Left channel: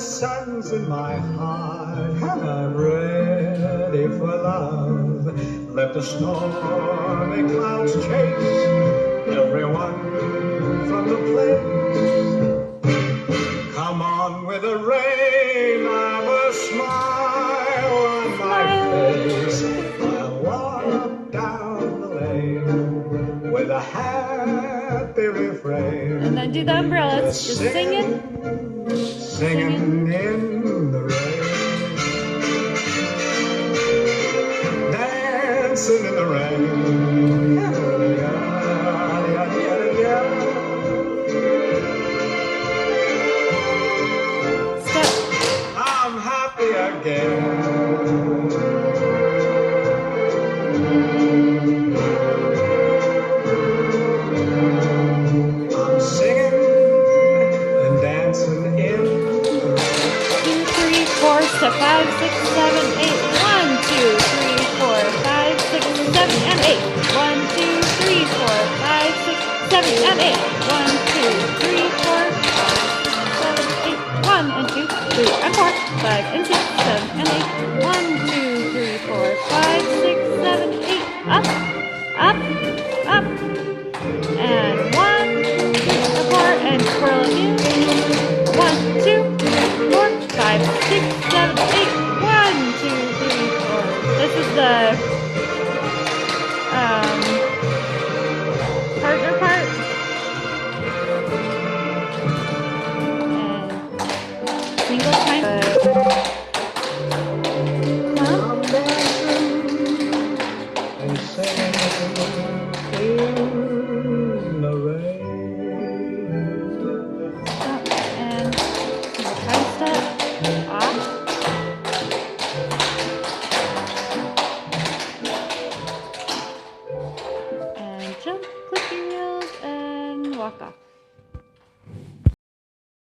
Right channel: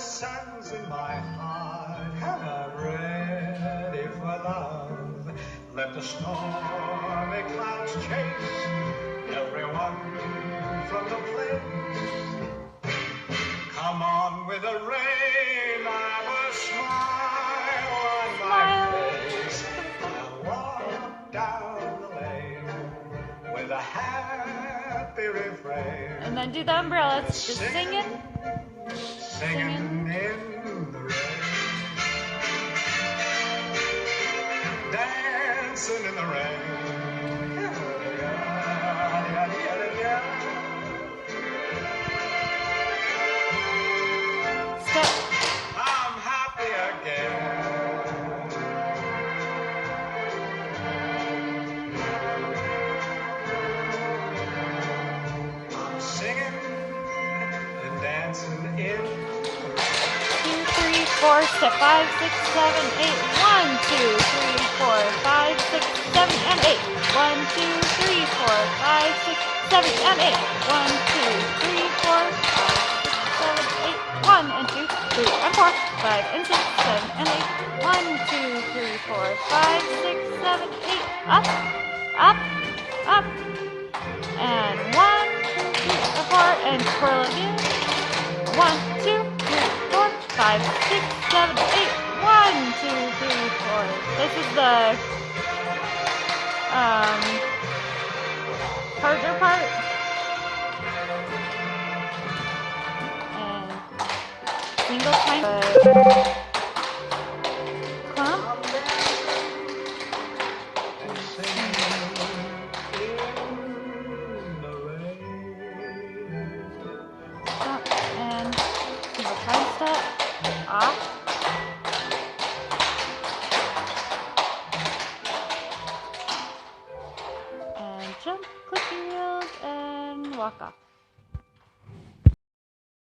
sun's in my heart, and I'm ready for love. Let the stormy clouds chase everyone from the place. Come on with the rain, I've a smile on my face. I'll walk down the lane with a happy refrain. And then do the umbrellas, just singing. Singing in the rain, dancing in the rain. Step. I'm happy again. I'm singing and dancing in. 4, step 5, 6, 7, 8. 1, 2, 3, 4, 5, 6, 7, and 8. 1, 2, 3, 4, 5, 6, 7, and 8. 1, 2, 3, 4, 5, 6, 7, 8. 1 and 2, 3 and 4, 5 and 6, 7 and 8. 1, 2, 3, 4, 5, 6, 7, 8. Up, up, up. And 1, 2, 3, and 4, and twirl again. 1, 2, 3, 4, 5, 6, 7, 8. 1, 2, 3, 4. This is the partner part. And single time. Clump. Stop and single time step. Off. And jump, click your heels, and walk off.